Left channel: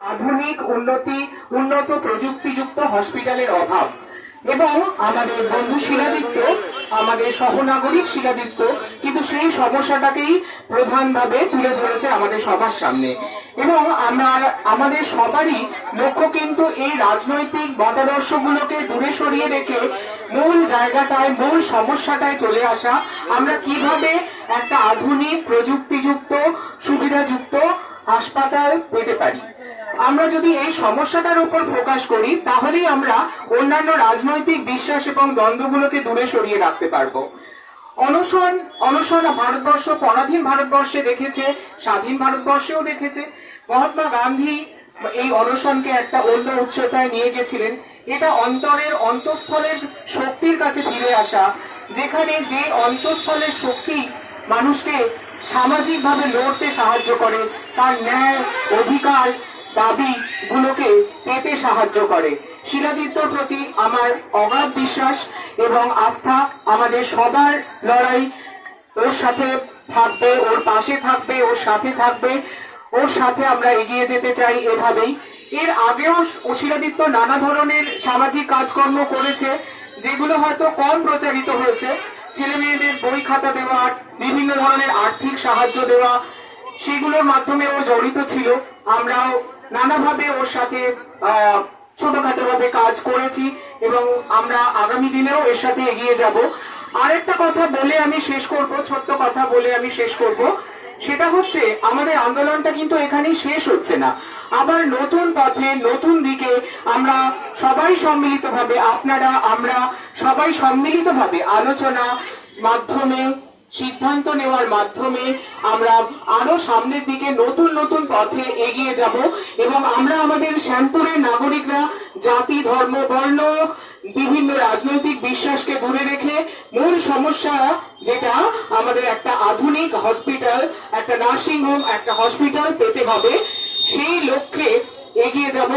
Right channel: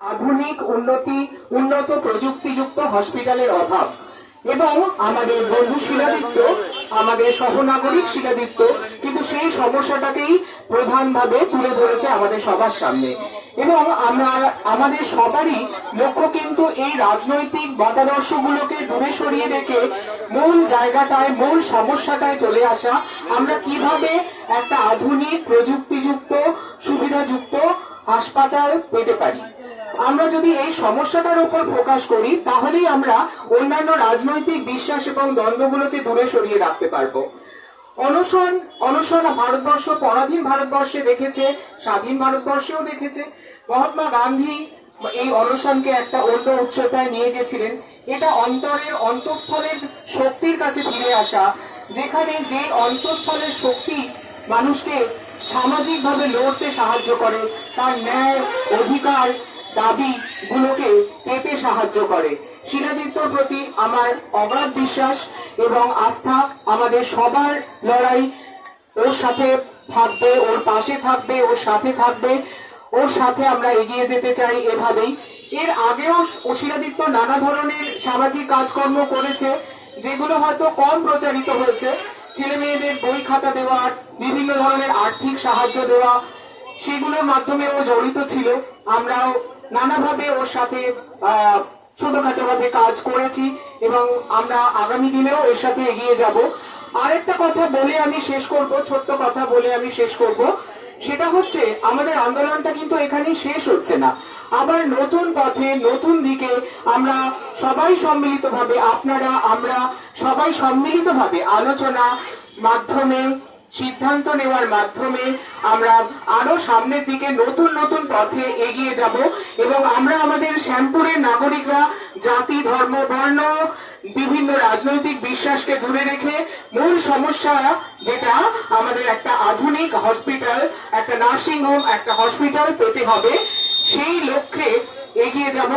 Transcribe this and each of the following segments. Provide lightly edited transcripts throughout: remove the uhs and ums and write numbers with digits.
আধুনিক উন্নত প্রযুক্তিযুক্ত হসপিটালের অভাব এবং আমাদের বন্ধু শিলাদিত্য, আমাদের সহনাগরিক শিলাদিত্য কিন্তু সেই সমস্যাটাকেই প্রধানভাবে তুলে ধরেছে আমাদের সবার সামনে। এবং আমাদের সবারই লক্ষ্য কিন্তু এই রাজনৈতিক মতাদর্শগুলোকে দূরে সরিয়ে রেখে মূল জায়গাটায়, মূল সমস্যাটায় চলে আসা। আমরা কিভাবে একটা আধুনিক প্রযুক্তিযুক্ত সুবিধাযুক্ত হাসপাতাল পেতে পারি। আমরা যদি এই সমস্যাটার উপর ফোকাস করি তাহলেই আমরা অন্যান্য রাজনৈতিক বিশ্বাস এবং দ্বন্দ্বগুলোকে দূরে সরিয়ে রাখতে পারবো। অনশন ভারতবর্ষ, পরাধীন ভারতবর্ষে দেখেছে, স্বাধীন ভারতবর্ষেও দেখেছে। মহাত্মা গান্ধী এই অনশনকে একটা অন্য উচ্চতায় নিয়ে গেছিলেন। এটা অন্তরের অন্তঃস্থলের শক্তির কাছে ফিরে আসা, যেখানে যে অন্তঃস্থলের শক্তি মানুষকে সামাজিকভাবে লড়তে সাহায্য করে, তার ন্যায় অধিকার দাবি গুলোকে পেতে সাহায্য করে। শিলাদিত্যর প্রতি আমার অগাধ বিশ্বাস এবং আস্থা। আমাদের সবার লড়াই ওর সাথে থাকবে, ওর পাশে থাকবে, ওর সাথে থাকবে, ওর সাথে আমরা এগিয়ে যেতে চাই এভাবেই। এর আগেও শিলাদিত্য নানা ধরনের সামাজিক কাজকর্ম করেছে, যেগুলো হয়তো কম প্রচারিত হয়েছে। ছেলে মেয়েদের বই খাতা দেওয়া, বিভিন্ন ধরনের আর্থিক সাহায্য দেওয়া, সেগুলোর মাধ্যমে ও জড়িত ছিল। আমরাও নানাভাবে ওর সাথে ছোটখাটো ভাবে কাজ করেছি এবং আমরা আগামী দিনেও এর সাথে এগিয়ে যাব। আরেকটা কথা বলে আমি শেষ করব, ছোট্ট কথা বলে আমি শেষ করব। সেটা হচ্ছে আমাদের আন্দোলনটা কিন্তু এখানেই শেষ হচ্ছে না। আবার নতুন পথে, নতুন দিকে আমরা সবাই সম্মিলিতভাবে, আপনারা আমরা সবাই সম্মিলিতভাবে আলোচনা মাধ্যমে, সিদ্ধান্ত নেওয়ার মাধ্যমে আমরা আরো সামনের দিকে নতুন নতুন পথে এগিয়ে যাব। এবং আমরা আমাদের শ্যামপুরের নাগরিকরা জাতি, ধর্ম, বর্ণ, বিভিন্ন রাজনৈতিক বিশ্বাসকে দূরে রেখে মূল সমস্যা যেটা আমাদের একটা আধুনিক হসপিটাল, একটা নার্সিং হোম, একটা হসপিটাল পেতে হবে, সেই লক্ষ্যে এগিয়ে যাব।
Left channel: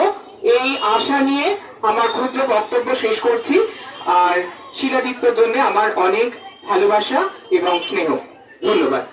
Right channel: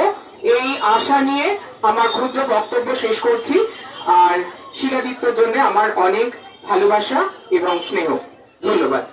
এই আশা নিয়ে আমার ক্ষুদ্র বক্তব্য শেষ করছি। আর শিলাদিত্যর জন্য আমার অনেক ভালোবাসা এবং স্নেহ। ধন্যবাদ।